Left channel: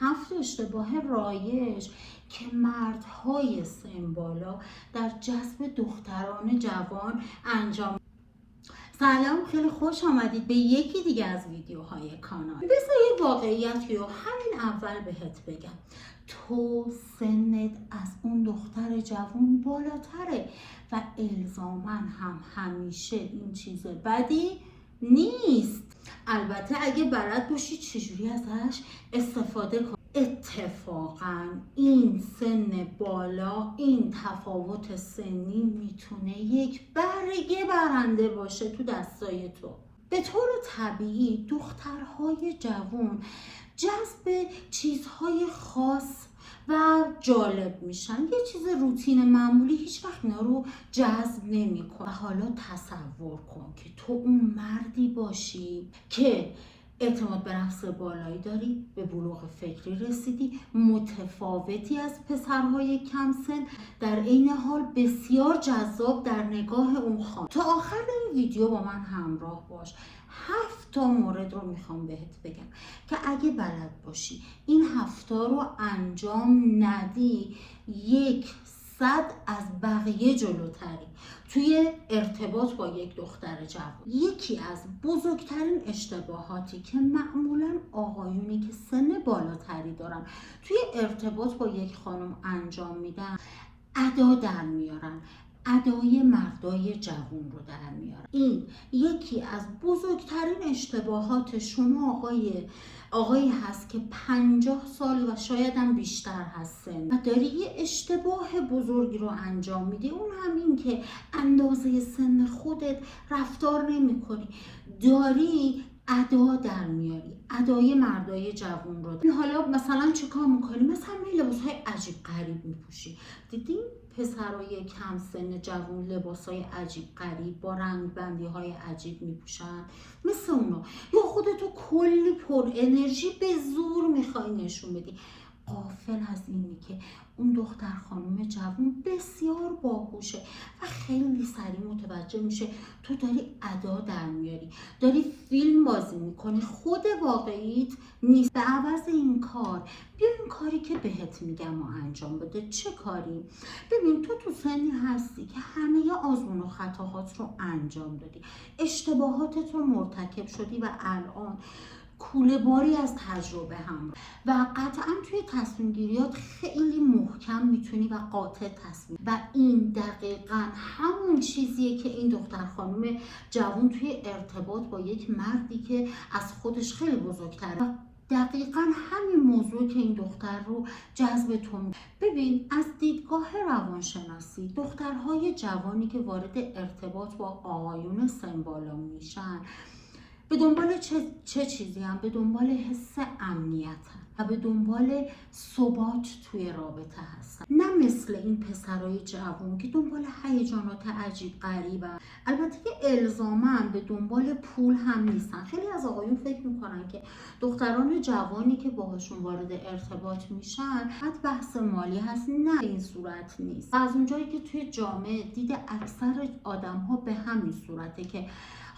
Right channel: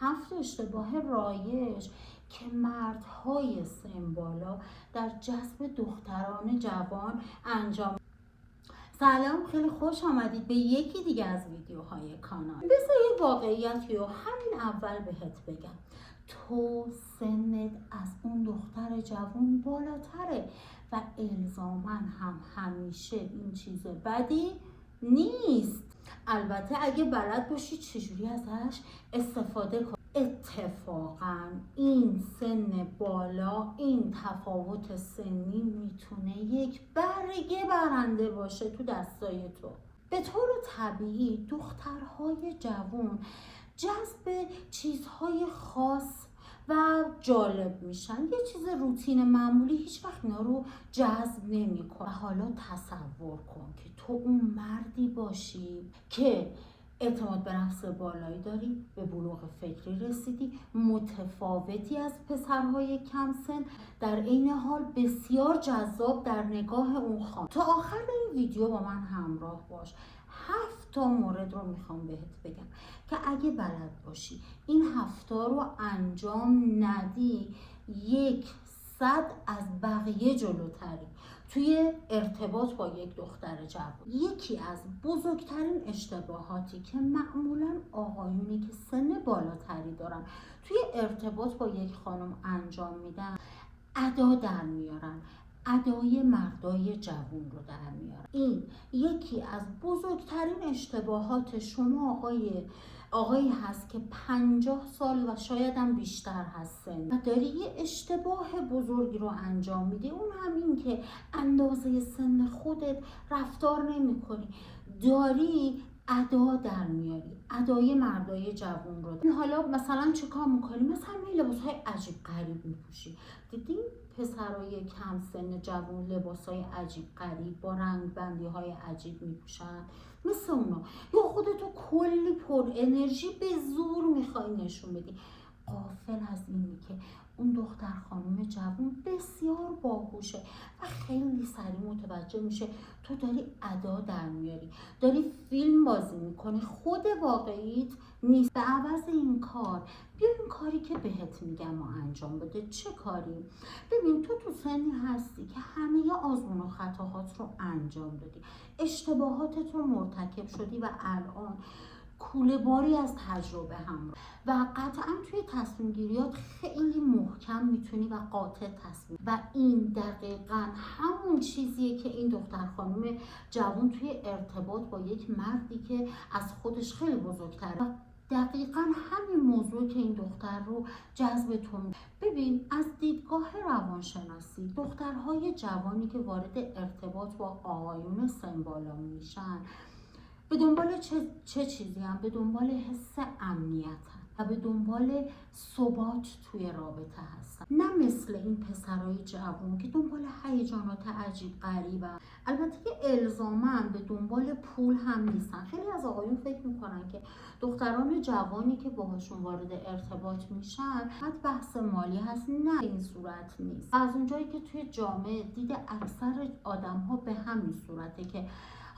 7 اشتباه رایج که مردهای سن بالا در جذب دختران جوان انجام. سلام، خیلی خوش آمدید به یکی دیگه از ویدیوهای کانال. بذار یه واقعیتی رو همین اول بهت بگم. تو سنت از اون دختر جوان بالاتره و الزاماً هم همیشه این چیز بدی نیست. البته اگه بلد باشی چجوری ازش استفاده کنی. اتفاقا این سن بالا، این تفاوت سنی میتونه یک برگه برنده باشه تو دستای تو. به طور طبیعی دخترهای جوان جذب چیزهای خاص و جالب میشن. یه چیز روتین معمولی هیچ وقت اینا رو جذب نمیکنه. و حالا تصور کن که تو اون مردی باشی که اعتماد به نفس بالایی داری، به بلوغ فکری رسیدی، متفاوتی از پسرهای کم سن، در عین حال بسیار جذاب در نگاه اون خانم. تا آخر این ویدیو با من همراه باش. 7 تا مورد رو میخوام بهت بگم که اگه بلد باشی این 7 رو انجام ندی، 100 از بقیه جلوتری توی ارتباط با یک دختر جوان. یکی از بزرگترین اشتباهاتی که معمولا آقایونی که سن بالاتری دارن توی ارتباط با یک خانم انجام میدن، ادا در میارن، ادای مردای جوان رو در میارن. این یکی از بزرگترین اشتباهات شما آقایی هست که 50 سال و شاید هم بیشتر هستن و داری یه اشتباه بزرگی رو انجام میدی. اون هم این که اندازه سن خودت رفتار نمی کنی، داری ادا در میاری، ادای مردای جوان رو. حالا مثلا چه کار میکنی؟ مثلا لباسهای عجیب غریب میپوشی. دیدین پسرای کم سن جوان لباسای عجیب غریب با رنگ بندی های عجیب میپوشن مثل اونا، یا خودتو کلی پر انرژی به زور میخوای نشون بدی، غافل از اینی که اون دختر خانم جوان بسیار باهوشه و خیلی سریع متوجه میشه تو داری ادا در میاری، داری فیلم بازی میکنی، خود واقعیت نیست. به عوض این کار بیا این کاری که بهت میگم و انجام بده. چه کاری؟ ببین تو سنی هستی که همه آزمون و خطاهات رو انجام دادی، اشتباهاتت رو مرتکب شدی و الان کوله باری از تجربه هم و قطعا توی تصمیم گیریات خیلی محکم میتونی و قاطع تصمیم. و این دقیقا همون چیزیه که این دختر خانم جوان توی ارتباط با یک مردی که از خودش خیلی بزرگتره، دقیقا همین موضوع که این دختر رو جذب تو. ببین از دیدگاه روانشناسی دخترهای جوانی که وارد ارتباط با آقایون سن بالا میشن به دنبال چه چیزی هم؟ به دنبال حس امنیت و به دنبال ثبات توی رابطه هستن، نه مثل این پسرای جوان که دنبال هیجانات عجیب غریبن. البته که الزاما به دنبال پول هم نیستن. خیلی از آقایون فکر میکنن که دختران جوانی که باهاشون وارد ارتباط میشن حتی بحث مالی هست. نه، این صورت نیست. از اونجایی که توی جامعه دید اکثر آدم ها به همین صورته که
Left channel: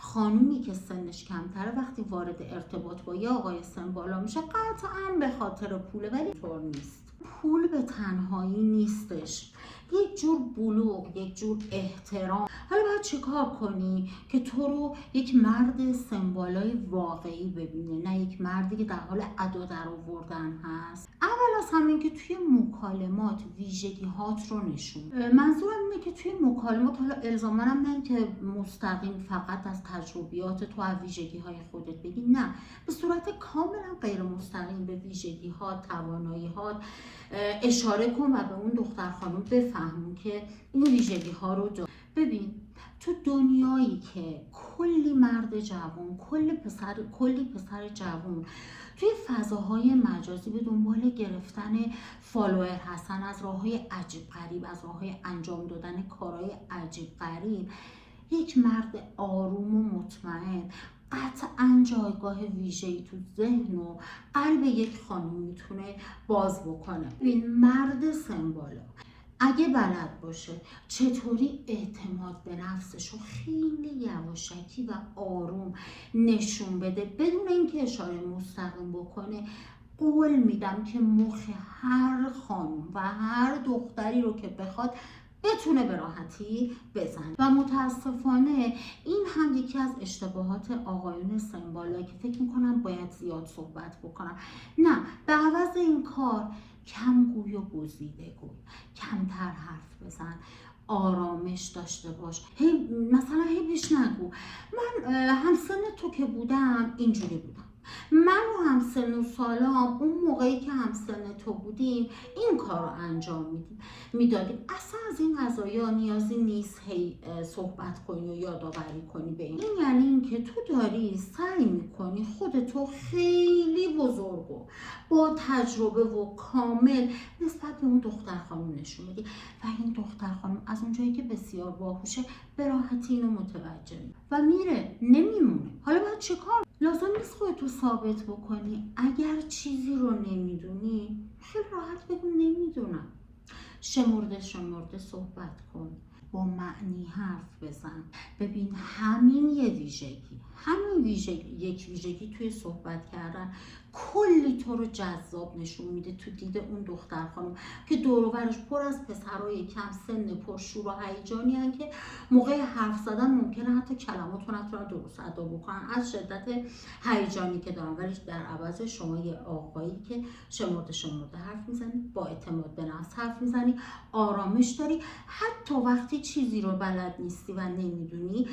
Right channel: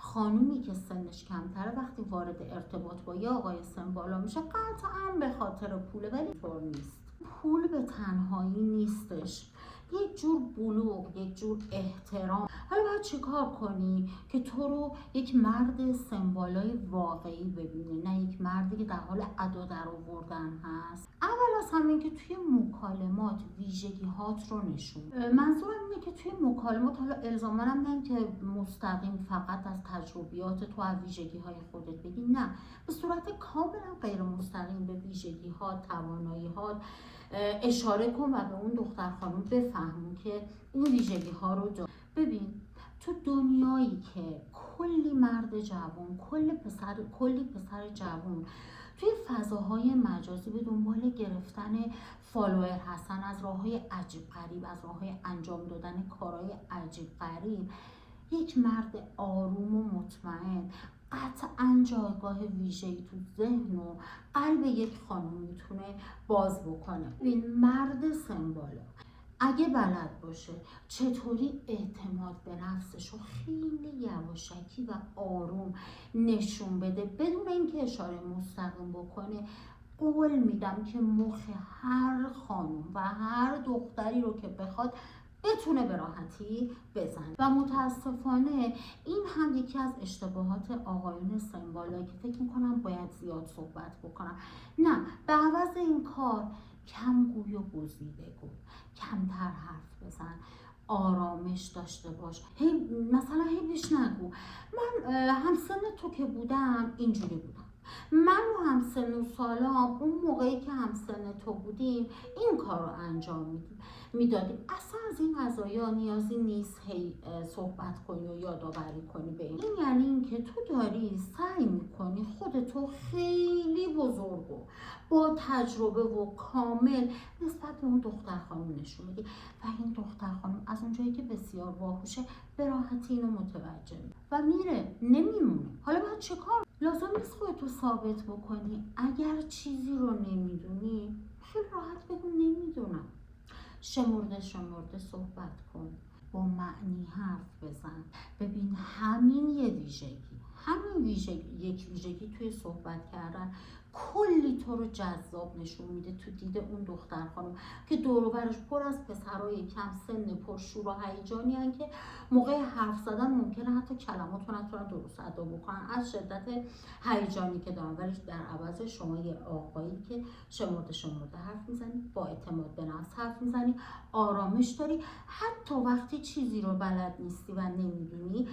خانومی که سنش کمتره وقتی وارد ارتباط با یه آقای سن بالا میشه قطعا به خاطر پوله، ولی طور نیست. پول به تنهایی نیستش، یک جور بلوغ، یک جور احترام. حالا باید چه کار کنی که تو رو یک مرد سن بالای واقعی ببینه، نه یک مردی که در حال ادا در آوردن هست. اول از همین که توی مکالمات ویژگی هات رو نشون. منظورم اینه که توی مکالمات، حالا الزاما هم نه که مستقیم فقط از تجربیات تو و ویژگی های خودت بگی، نه، به صورت کاملا غیر مستقیم به ویژگی ها، توانایی ها اشاره کن و به اون دختر خانم بفهمون که این ویژگی ها رو داره. ببین تو دنیایی که کلی مرد جوان، کلی پسر جوان توی فضاهای مجازی به دنبال گرفتن فالوور هستن، از راههای عجیب غریب، از راههای انجام دادن کارهای عجیب غریب، یک مرد آروم و مطمئن قطعا جایگاه ویژه‌ای تو ذهن و قلب یک خانم میتونه باز بکنه. این مرد سن بالا اگه بلد باشه چطوری اعتماد به نفسش رو خیلی یواشکی و آروم نشون بده بدون اینکه اشاره مستقیم بکنه، قول میدم که مخ هر خانم و هر دختری رو که بخواد بتونه به راحتی بزنه. و متاسفانه این هم یکی از اشتباهات آقایون سن‌بالا که فکر میکنم باید زیاد صحبت بکنم. نه، به عوض این کار کم گوی و گزیده گوی، کمتر حرف بزن، آرامش داشته باش. مثلا هیچ نگو من همسن تو که بودم اینجوری بودم، من و همسن و سالام اون موقعی که همسن تو بودیم این کار رو انجام میدادیم. اصلا از این قضایا نیازی نیست هی صحبت کنی و یادآوری کنی به این یعنی اینکه تو داری سعی میکنی خودتو خیلی بزرگ و با تجربه و کامل نسبت به اون دختر خانم نشون میدی و این دختر خانم از اونجایی که بسیار باهوشه به راحتی اینو متوجه میشه و میره، نمیمونه. حالا باید چیکار؟ لازم نیست خودتو ثابت بکنی. اگر چیزی رو نمیدونی خیلی راحت بگو نمیدونم. شمرده صحبت کن، با معنی حرف بزن. ببین همین یک ویژگی توی صحبت کردن کلی تو رو جذاب نشون میده تو دید اون دختر خانم که دور و برش پر از پسرای کم سن پر شور و هیجانی هستن که موقع حرف زدن ممکنه حتی کلمات رو نتونن درست ادا بکنن از شدت هیجانی که دارن، ولی در عوض شما یه آقایی که شمرده حرف میزنی، با اعتماد به نفس حرف میزنی، آرامش داری، حتی وقتی چیزی رو بلد نیستی و نمیدونی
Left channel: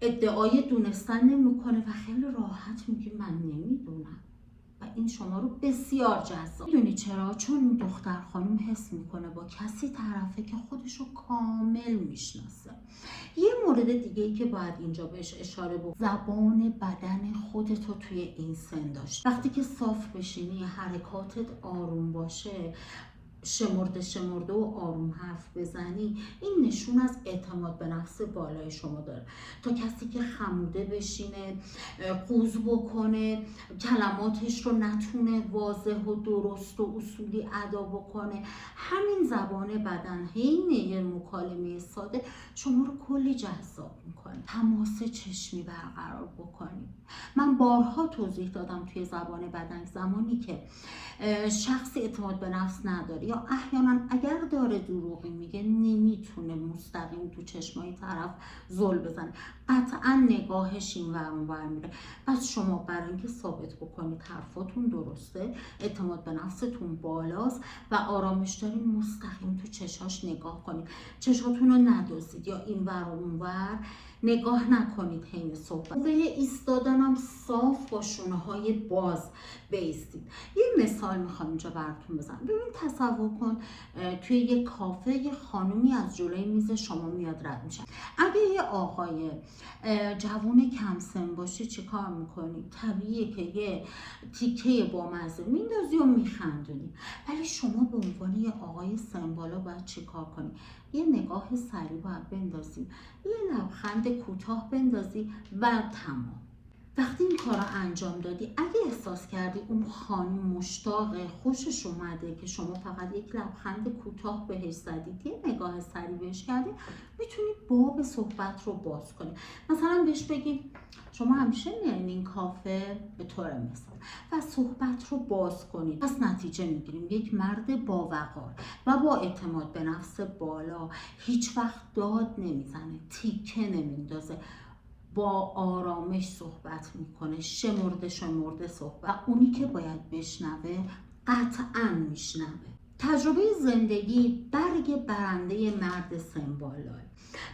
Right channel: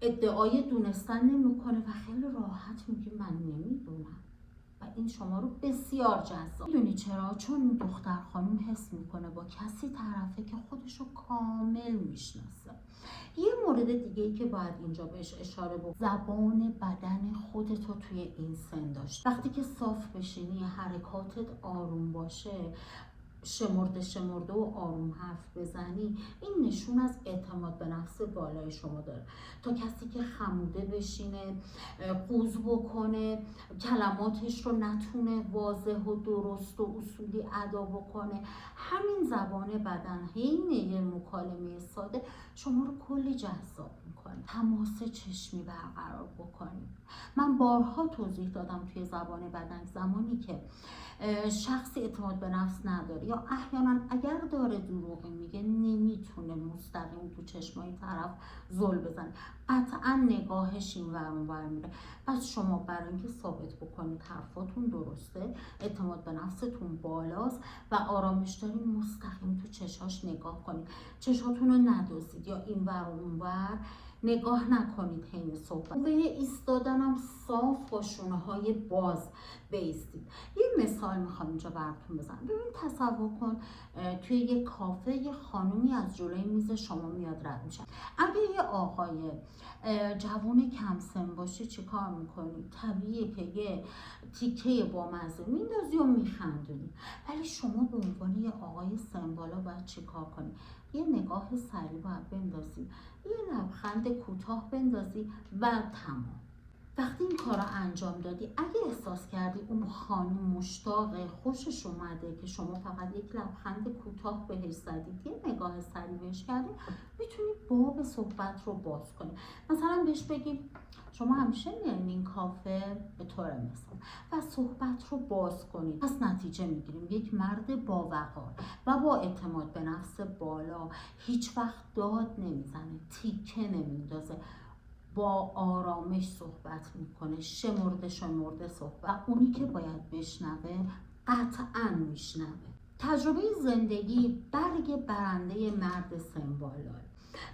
ادعای دونستن نمیکنه و خیلی راحت میگی من نمیدونم و این شما رو بسیار جذاب. میدونی چرا؟ چون این دختر خانم حس میکنه با کسی طرفه که خودش رو کامل میشناسه. یه مورد دیگه ای که باید اینجا بهش اشاره بکنم، زبان بدن خودتو توی این سن داشت. وقتی که صاف بشینی، حرکاتت آروم باشه، شمرده و آروم حرف بزنی، این نشون از اعتماد به نفس بالای شما داره. تا کسی که خموده بشینه، قوز بکنه، کلماتش رو نتونه واضح و درست و اصولی ادا بکنه، همین زبان بدن حین یه مکالمه ساده شما رو کلی جذاب میکنه. تماس چشمی برقرار بکنید. من بارها توضیح دادم توی زبان بدن زمانی که شخصی اعتماد به نفس نداره یا احیانا اگر داره دروغی میگه نمیتونه مستقیم تو چشمای طرف زل بزنه، قطعا نگاهش این ور اون ور میره. پس شما برای اینکه ثابت بکنید حرفاتون درسته، اعتماد به نفستون بالاست و آرامش دارین، مستقیم تو چشاش نگاه کنید، چشاتون رو ندوزید یا این ور و اون ور نگاه نکنید حین صحبت. موقع ایستادن هم صاف با شونه های باز بایستید. یه مثال میخوام اینجا براتون بزنم. ببین تصور کن توی یه کافه یه خانومی از جلوی میز شما میاد رد میشه. اگه یه آقای جوون کم سن باشه چه کار میکنی؟ طبیعیه که یه تیکه بامزه میندازی و میخندونی، ولی شما به عنوان یه آقای سن بالا باید چه کار کنی؟ یه نگاه سریع باید بندازی، یه لبخند کوتاه بندازی و تمام. وقتی این کار رو انجام دادی، اگه احساس کردی اون خانم مشتاقه، خوشش اومده که شما فقط یک لبخند کوتاه بهش زدید، یه نگاه سریع بهش کردید، میتونید باب صحبت رو باز کنید. مثلا بهش بگید شما همیشه میایین این کافه، به طور مثال، و صحبت رو باز کنید. پس نتیجه میگیریم یک مرد با وقار و با اعتماد به نفس بالا هیچ وقت داد نمیزنه، تیکه نمیندازه، با آرامش صحبت میکنه، شمرده صحبت و اونی که باید بشنوه قطعا میشنوه. تجربه زندگی برگ برنده مرد سن بالاه.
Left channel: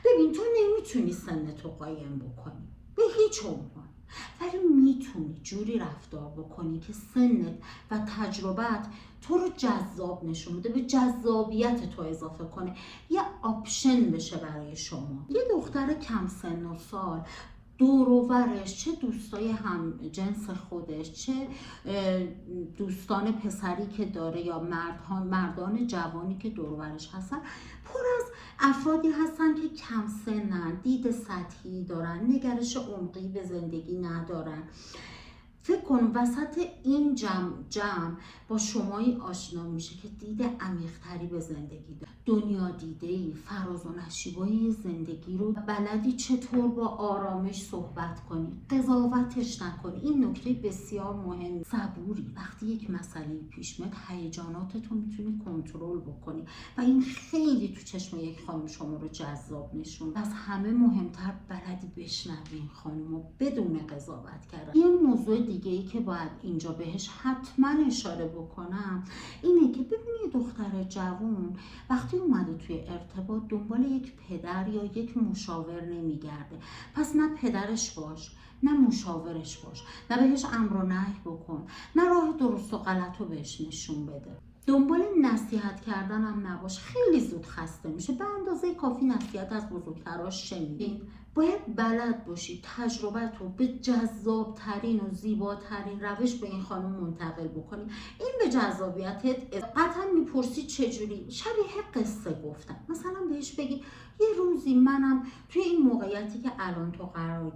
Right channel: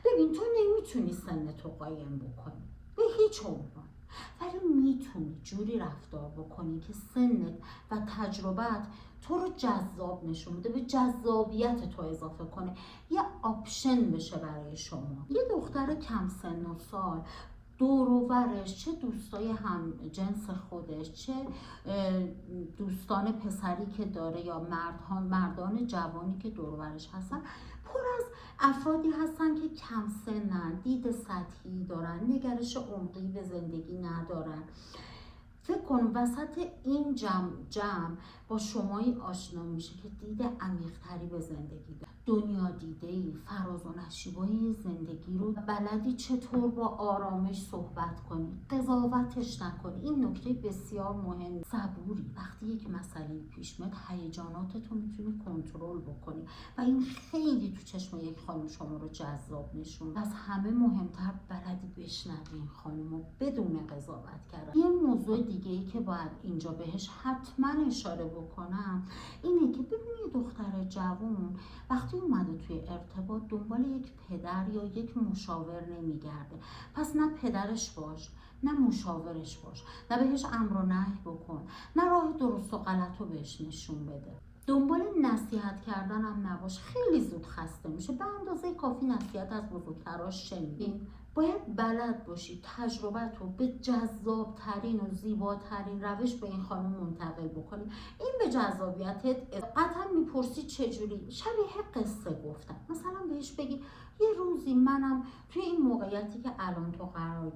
ببین تو نمیتونی سنتو قایم بکنی به هیچ عنوان، ولی میتونی جوری رفتار بکنی که سنت و تجربت تو رو جذاب نشون بده، به جذابیت تو اضافه کنه، یه آپشن بشه برای شما. یه دختر کم سن و سال دور و برش چه دوستای هم جنس خودش، چه دوستان پسری که داره یا مردان جوانی که دور و برش هستن، پر از افرادی هستن که کم سنن، دید سطحی دارن، نگرش عمقی به زندگی ندارن. فکر کن وسط این جمع با شمایی آشنا میشه که دید عمیق‌تری به زندگی داره، دنیا دیده‌ای، فراز و نشیبای زندگی رو بلدی چطور با آرامش صحبت کنی، قضاوتش نکنی. این نکته بسیار مهم. صبوری، وقتی یک مسئله پیش میاد هیجاناتتو میتونی کنترل بکنی و این خیلی تو چشم یک خانم شما رو جذاب نشون. از همه مهمتر بلدی بشنوی این خانم رو بدون قضاوت کردن. یه موضوع دیگه ای که باید اینجا بهش حتما اشاره بکنم اینه که ببینی دختر جوان وقتی اومده توی ارتباط دنبال یک پدر یا یک مشاور نمیگرده. پس نه پدرش باش، نه مشاورش باش، نه بهش امر و نهی بکن، نه راه درست و غلط رو بهش نشون بده. دنبال نصیحت کردن هم نباش، خیلی زود خسته میشه. به اندازه کافی نصیحت از بزرگتراش شنیدین. باید بلد باشی تجربت رو به جذابترین و زیباترین روش به این خانم منتقل بکنی. این به جذابیتت قطعا میپرسی چجوری؟ شبیه قصه گفتن. مثلا بهش بگی یه روزی منم توی این موقعیتی که الان تو قرار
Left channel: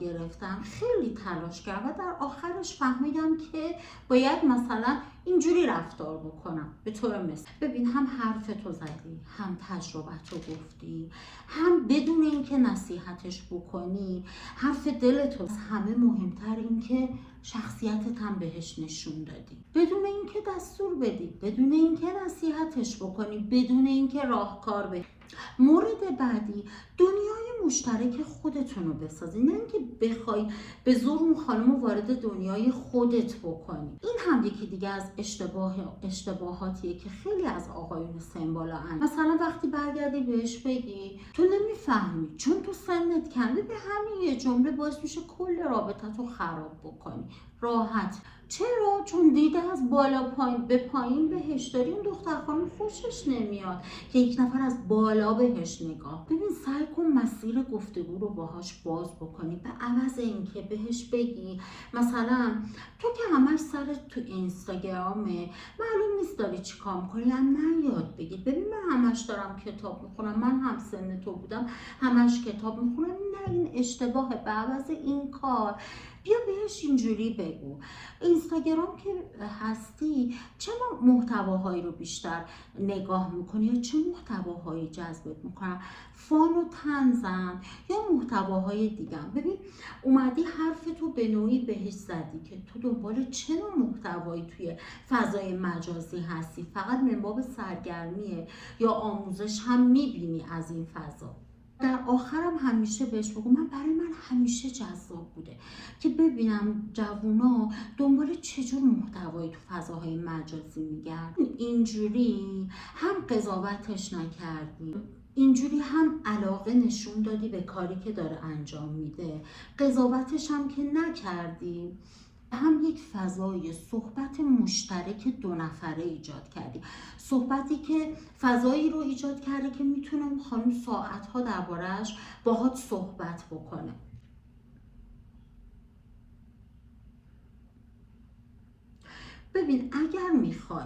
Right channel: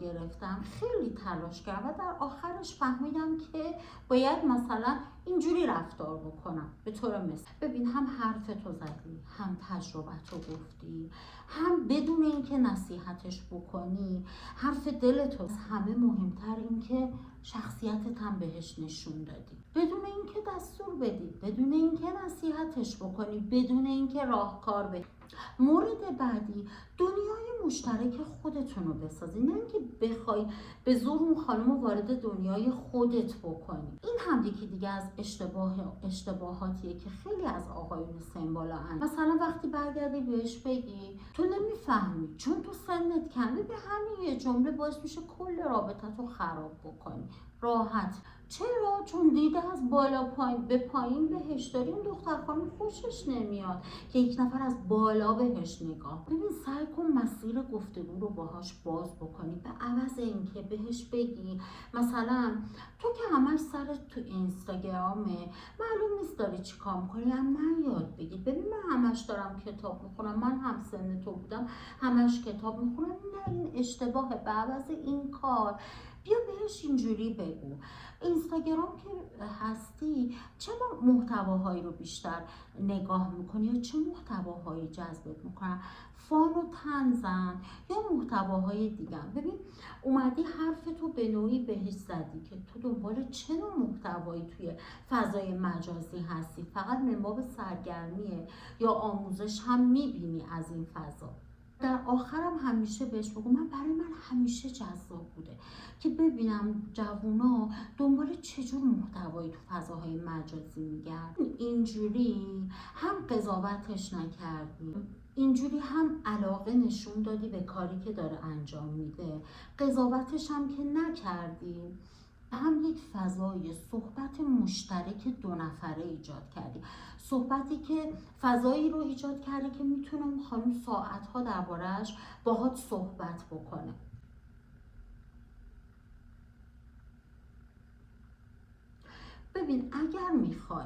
گرفتم خیلی تلاش کردم و در آخرش فهمیدم که باید مثلا اینجوری رفتار بکنم. به طور مثال ببین، هم حرف تو زدی، هم تجربت رو گفتی، هم بدون اینکه نصیحتش بکنی حرف دلت رو. همه مهمتر این که شخصیتت هم بهش نشون دادی، بدون اینکه دستور بدی، بدون اینکه نصیحتش بکنی، بدون اینکه راهکار بدی. مورد بعدی، دنیای مشترک خودتون رو بسازی، نه اینکه بخوای به زور اون خانم رو وارد دنیای خودت بکنی. این هم یکی دیگه از اشتباهاتیه که خیلی از آقایون سن‌بالا ان. مثلا وقتی برگردی بهش بگی تو نمیفهمی چون تو سنت کمه، به همین یه جمله باعث میشه کل رابطت رو خراب بکنی. راحت. چرا؟ چون دیده از بالا پایین به پایین بهش داری، اون دختر خانم خوشش نمیاد که یک نفر از بالا بهش نگاه. ببین، سعی کن مسیر گفتگو رو باهاش باز بکنی، به عوض اینکه بهش بگی مثلا تو که همش سرت تو اینستاگرامه، معلوم نیست داری چی کار میکنی، هم نیاد بگی ببین من همش دارم کتاب میخونم، من هم سن تو بودم همش کتاب میخونم. نه، این اشتباهه. به عوض این کار بیا بهش اینجوری بگو اینستاگرام که هستی چه محتواهایی رو بیشتر نگاه میکنی یا چه محتواهایی جذبت میکنن؟ فان و طنزن یا محتواهای دیگه؟ ببین، اومدی حرفتو به نوعی بهش زدی که تو دنبال چه نوع محتوایی توی فضای مجازی هستی، فقط من باب سرگرمیه یا آموزش هم میبینی از این فضا. در آخرم همیشه بهش بگو برای من همیشه جذاب بوده که ببینم جوونا دنبال چجور محتوایی تو فضاهای مجازی میگردن. اینجوری هم قضاوتش نکردی، اینجوری هم علاقه نشون دادی به کاری که داره انجام میده، قضاوتش هم که نکردی، هم یک فضای صحبت مشترک دو نفره ایجاد کردی. صحبتی که فضایی رو ایجاد کرده که میتونه اون خانم ساعتها درباره‌اش باهات صحبت بکنه. ببین، اگر میخوای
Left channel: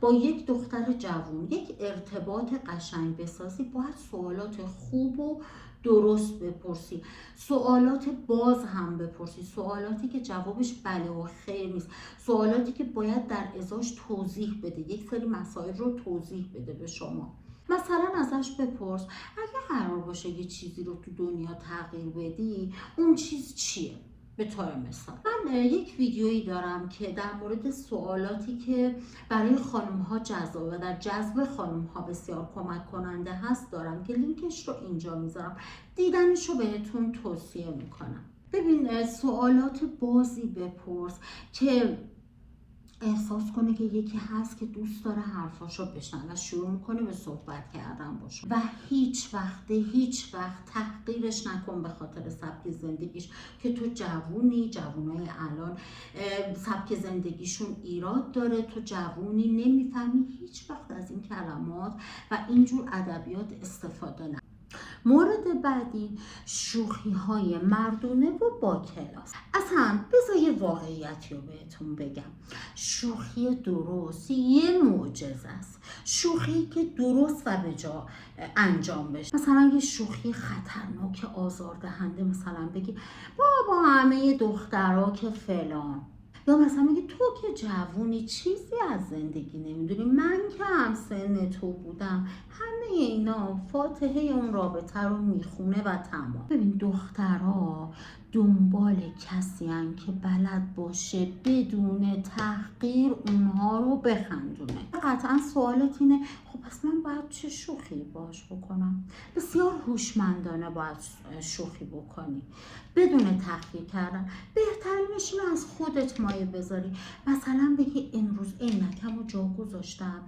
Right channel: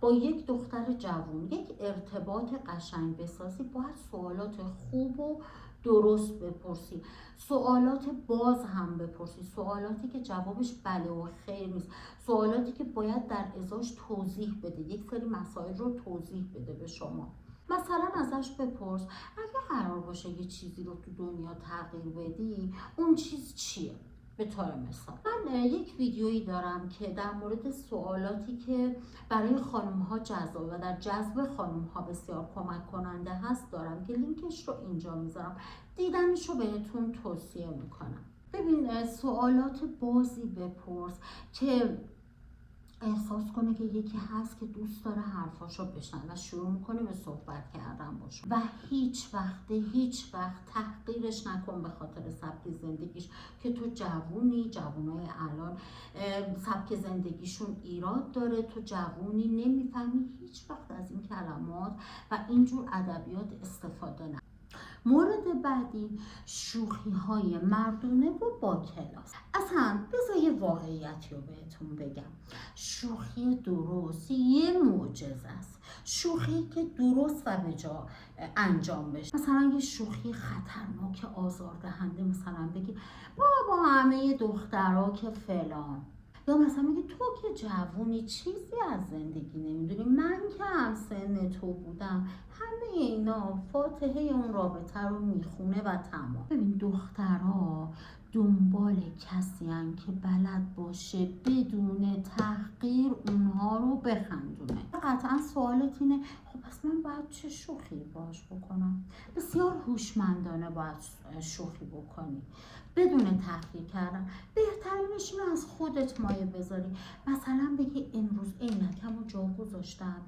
با یک دختر جوان یک ارتباط قشنگ بسازی باید سوالات خوب و درست بپرسی، سوالات باز هم بپرسی، سوالاتی که جوابش بله و خیر نیست، سوالاتی که باید در ازاش توضیح بده، یک سری مسائل رو توضیح بده به شما. مثلا ازش بپرس اگه قرار باشه یه چیزی رو تو دنیا تغییر بدی اون چیز چیه؟ به طور مثال من یک ویدیویی دارم که در مورد سوالاتی که برای خانم ها جذاب و در جذب خانم ها بسیار کمک کننده هست دارم که لینکش رو اینجا میذارم، دیدنش رو بهتون توصیه میکنم. ببین، سوالات بازی بپرس که احساس کنه که یکی هست که دوست داره حرفاشو بشنوه و شروع میکنه به صحبت کردن باشه و هیچ وقت تحقیرش نکن به خاطر سبک زندگیش که تو جوونای الان سبک زندگیشون ایراد داره، تو جوونی نمیفهمی هیچ وقت از این کلمات و اینجور ادبیات استفاده نکن. مورد بعدی، شوخی های مردونه و با کلاس. اصلا بذار یه واقعیتی رو بهتون بگم، شوخی درست یه معجزه است. شوخی که درست و به جا انجام بشه، مثلا یه شوخی خطرناک آزاردهنده، مثلا بگی بابا همه دخترها که فلان، یا مثلا میگه تو که جوونی چیزی از زندگی نمیدونی، من که هم سن تو بودم. همه اینا فاتحه اون رابطه رو میخونه و تمام. ببین دخترها دنبال کسی هن که بلد باشه بدون تحقیر اونها رو بخندونه. قطعا سوالت اینه خب پس من باید چه شوخی باش بکنم؟ بسیار هوشمندانه باید شوخی بکنی بدون تحقیر کردن. بهترینش اینه از خودت مایه بذاری. مثلا بگی امروز عینکمو جا گذاشتم،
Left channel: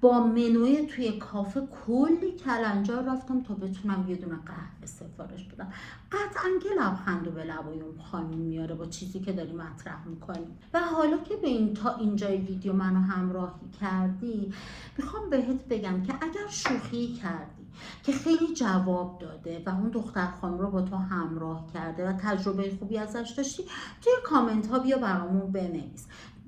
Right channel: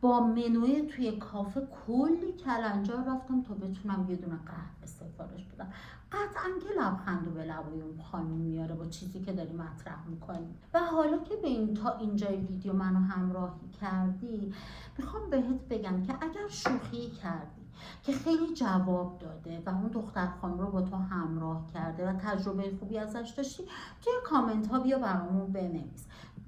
با منوی توی کافه کلی کلنجار رفتم تا بتونم یه دونه قهوه سفارش بدم. قطعا که لبخند و به لبای اون خانم میاره با چیزی که داری مطرح میکنی. و حالا که به این تا اینجای ویدیو منو همراهی کردی، میخوام بهت بگم که اگر شوخی کردی که خیلی جواب داده و اون دختر خانم رو با تو همراه کرده و تجربه خوبی ازش داشتی، توی کامنت ها بیا برامون بنویس.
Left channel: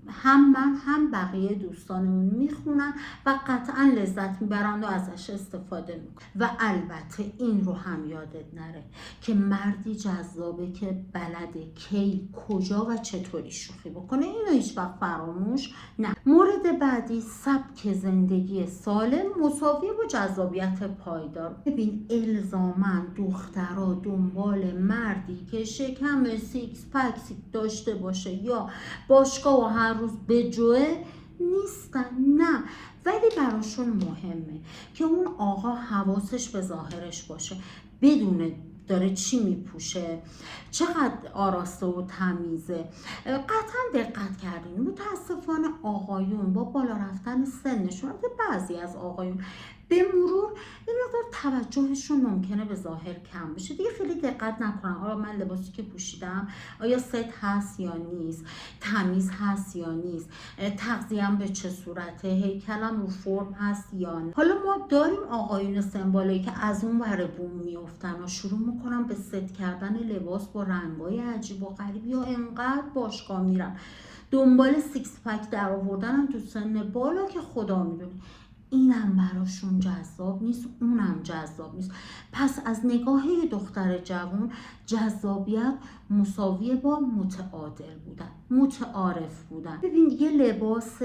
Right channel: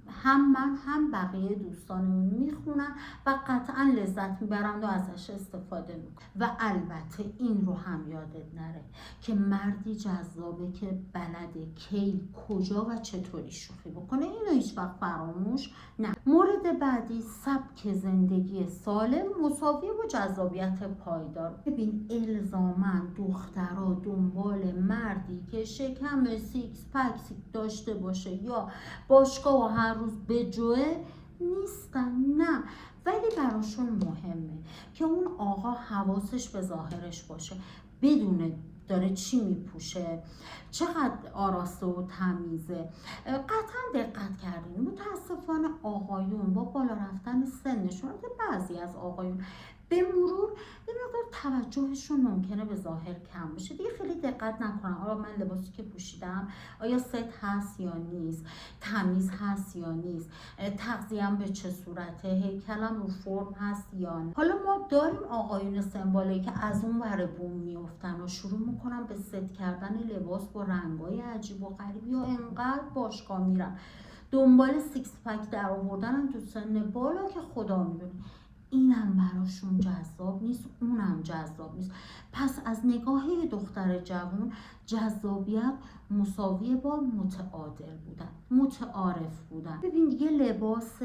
هم من هم بقیه دوستانمون میخونن و قطعا لذت میبرن و ازش استفاده میکنن. و البته این رو هم یادت نره که مردی جذابه که بلده کی، کجا و چطوری شوخی بکنه. اینو هیچ وقت فراموش نه. مورد بعدی، سبک زندگی سالم مساوی با جذابیت پایدار. ببین الزاما دخترها دنبال مردی که شکم سیکس پک داشته باشه یا باشگاه و هر روز به جوه نیستن، نه، ولی براشون مهمه که اون آقا حواسش به ظاهرش باشه، بدونه داره چی میپوشه، چقدر آراسته و تمیزه. قطعا دقت کردین متاسفانه آقایون با بالا رفتن سنشون، بعضی از آقایون به مرور یه مقدار توجهشون ممکنه به ظاهر کم بشه، دیگه خیلی دقت نکنن آیا من لباسی که پوشیدم آیا ست هست یا نیست، تمیز هست یا نیست، تغذیه‌ام به چه صورته، هیکلم رو فرم هست یا نه. حالا ما داریم آقایون سنبالایی که از اون ور بوم میافتن و شروع میکنن به ست کردن لباس با رنگای عجیب و غریبی و انقدر باشگاه میرن دنبال سیکس پک در آوردن تو سن بالا که خدا میدونه. اینم براشون جذاب نیست، اونم جذاب نیست. پس از نگاه دختر جوان جذابیت مساویه با متعادل بودن، متعارف بودن. ببین یه لباس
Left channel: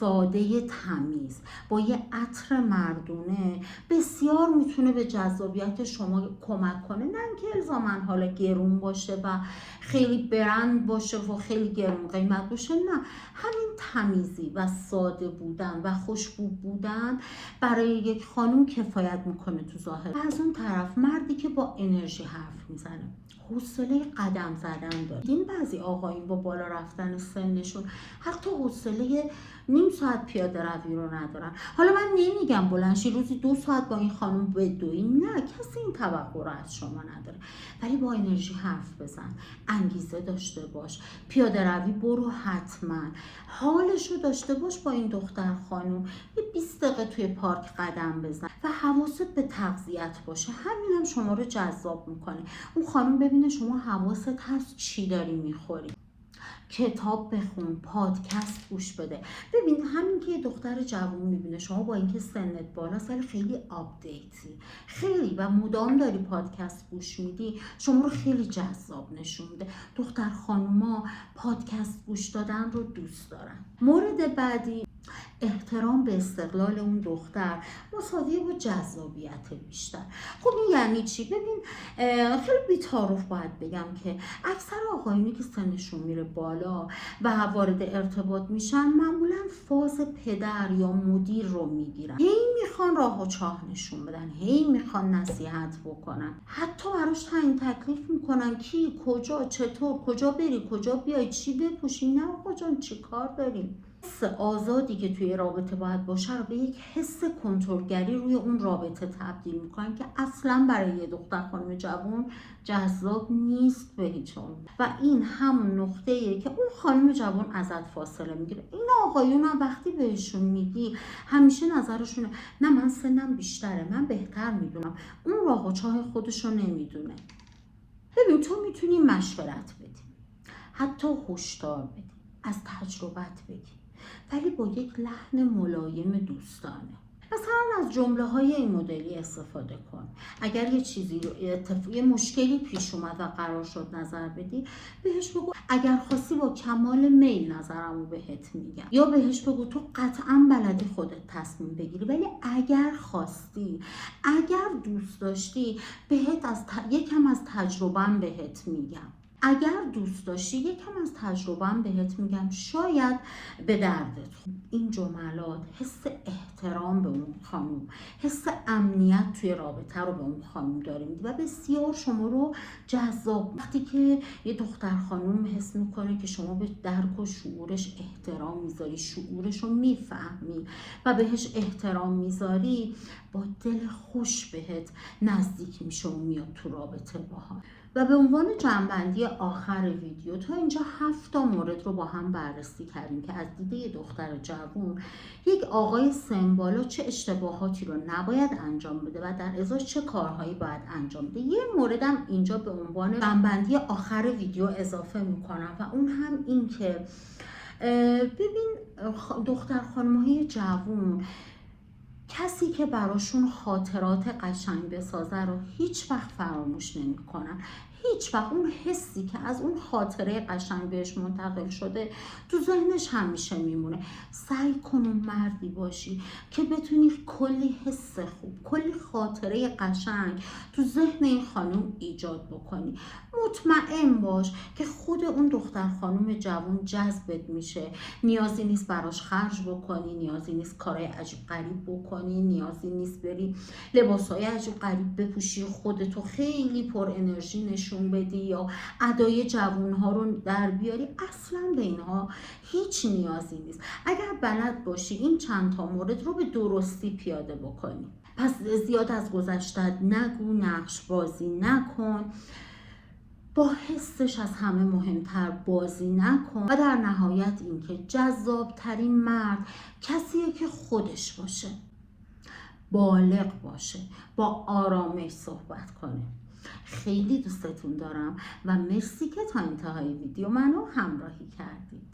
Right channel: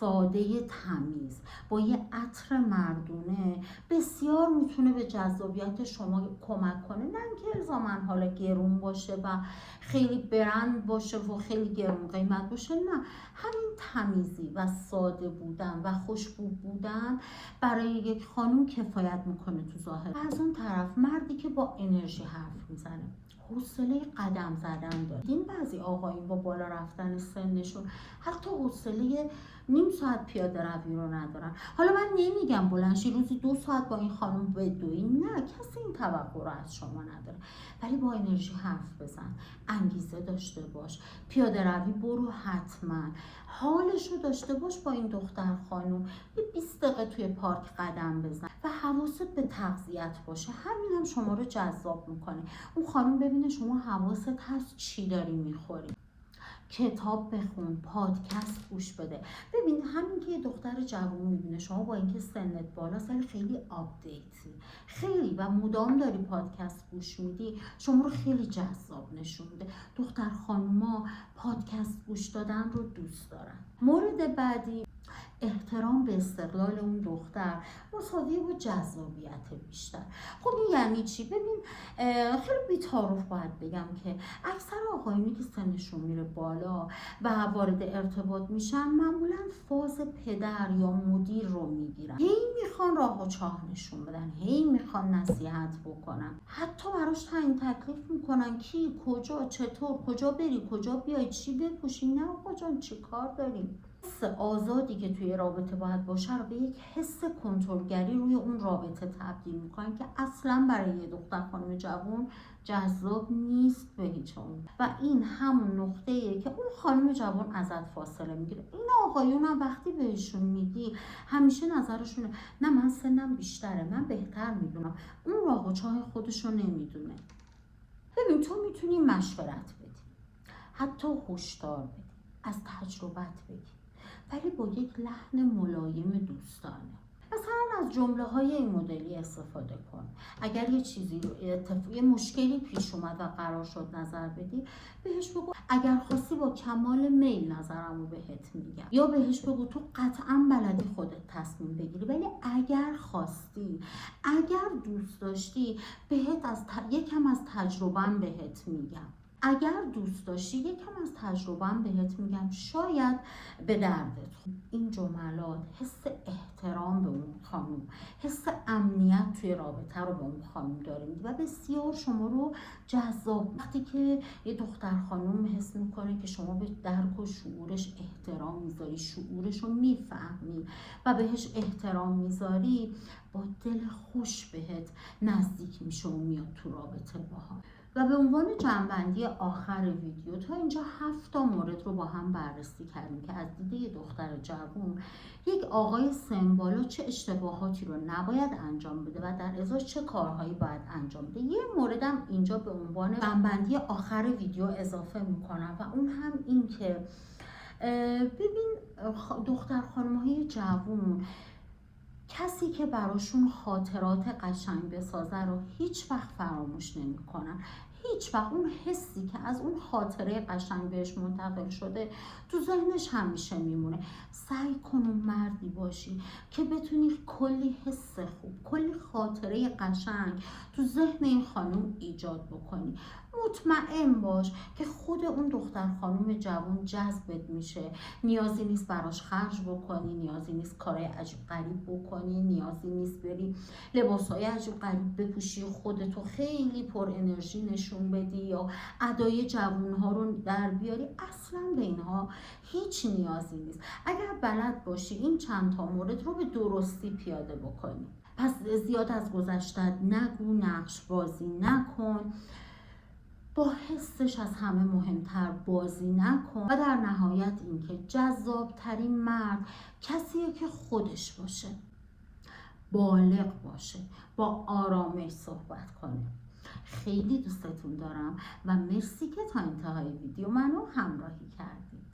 ساده تمیز با یه عطر مردونه بسیار میتونه به جذابیت شما کمک کنه. نه اینکه الزاما حالا گرون باشه و خیلی برند باشه و خیلی گرون قیمت باشه، نه، همین تمیزی و ساده بودن و خوشبو بودن برای یک خانم کفایت میکنه تو ظاهر. از اون طرف مردی که با انرژی حرف میزنه، حوصله قدم زدن داره. این بعضی آقایون با بالا رفتن سنشون حتی حوصله نیم ساعت پیاده روی رو ندارن. حالا من نمیگم بلنشی روزی 2 ساعت با این خانم بدوی، نه، کسی این توقع رو از شما نداره، ولی با انرژی حرف بزن، انگیزه داشته باش، پیاده روی برو حتما، حالش رو داشته باش با این دختر خانم، یه 20 دقیقه توی پارک قدم بزن و حواست به تغذیت باشه. همین هم شما رو جذاب میکنه. اون خانم ببینه شما حواست هست چی داری میخوری. کتاب بخون، پادکست گوش بده. ببین همین که یه دختر جوان میبینه شما با اینکه سنت بالاست ولی خیلی آپدیتی، خیلی و مدام داری پادکست گوش میدی، شما رو خیلی جذاب نشون میده. دختر خانوما پادکست گوش دادن رو دوست دارن. مورد بعدی، احترام به استقلال اون دختر مساویه با جذابیت بیشتر. خب این یعنی چی؟ ببین خیلی بی‌تعارف باید بگم که اکثر آقایونی که سنشون میره بالا و وارد ارتباط میشن معمولا فاز پدر یا مدیر رو میگیرن، هی میخوان راه و چاه نشون بدن، هی میخوان نصیحت بکنن، حتی براش تعیین تکلیف میکنن کی، کجا، چطور، کجا بری، کجا بیای، چی بپوشی. نه آقا جان چی کار داریم؟ حس آزادی که توی رابطه باید باشه رو به یک حس کنترلگری روی اون رابطه تبدیل میکنن که اصلا برای یه دختر خانم جوان جذاب نیست به هیچ عنوان. و این همون نقطه‌ایه که اون خانم جوان ازت فاصله میگیره. این آقایون هم وقتی بهشون میگی همیشه نظرشونه نه من سنم بیشتره، من بهتر میدونم، اون راه و چاه خودشو نمیدونه. ببین تو میتونی مشورت بدی، حتی هشدار بدی، از تجربت بگی، ولی با یک لحن ملایم دوستانه. مثلا از جمله های این مدلی استفاده کن. اگر یه چیزی رو یه مشکلی پیش اومد و قرار شد نظر بدی، بهش بگو اگر خواستی با کمال میل نظرمو بهت میگم، یا بهش بگو تو قطعا بلدی خودت تصمیم بگیری، ولی اگر خواستی، اگر دوست داشتی، یکم از تجربه‌ام بهت میگم. اگر دوست داشتی یکم از تجربه‌ام بهت میگم، شاید به دردت خورد. این جملات حس احترام به اون خانم، حس امنیت توی رابطه رو به اون خانم داریم و بسیار شما رو جذاب. وقتی که یه دختر خانم حس میکنه که شما به درک و شعورش احترام میذاری، شعورش رو میفهمی و بهش احترام میذاری، با دل خوش بهت نزدیک میشه و میاد تو رابطه باها. و به عنوان جنبندی آخر ویدیو، تا اینجا 7 مورد رو با هم بررسی کردیم که از دیده دختر جوان یک آقای سن چه اشتباهاتی رو نباید انجام بده و در ازاش چه کارهایی باید انجام بده. یه موردم اینجا به عنوان جنبندی آخر ویدیو اضافه میکنم و اون هم این که ببین دختر خانم‌های جوان، کسی که براشون خاطرات قشنگ بسازه رو هیچ وقت فراموش نمی‌کنن. هیچ وقت اون حسی که از اون خاطره قشنگ بهش منتقل شده تو ذهنش همیشه میمونه. سعی کن اون مردی باشی که بتونی کلی حس خوب، کلی خاطره قشنگ تو ذهن این خانم ایجاد بکنی. مطمئن باش که خود اون دختر خانم جوان جذبت میشه. نیازی نیست براش خرج بکنی، نیازی نیست کارهای عجیب غریب بکنی، نیازی نیست بری لباسهای عجیب غریب بپوشی، خودتو خیلی پر انرژی نشون بدی یا ادای جوانها رو در بیاری. اصلا به اینها هیچ نیازی نیست. اگر بلد باشی این چند تا مورد رو به درستی پیاده بکنی. پس زیاد از گذشتت نگو، نقش بازی نکن، با حسش از همه مهمتر بازی نکن و در نهایت اینکه جذاب ترین مرد کسیه که خودش باشه، بالغ باشه، با آرامش صحبت کنه. خیلی دوستتون دارم و مرسی که تا انتهای ویدیو منو همراهی کردید.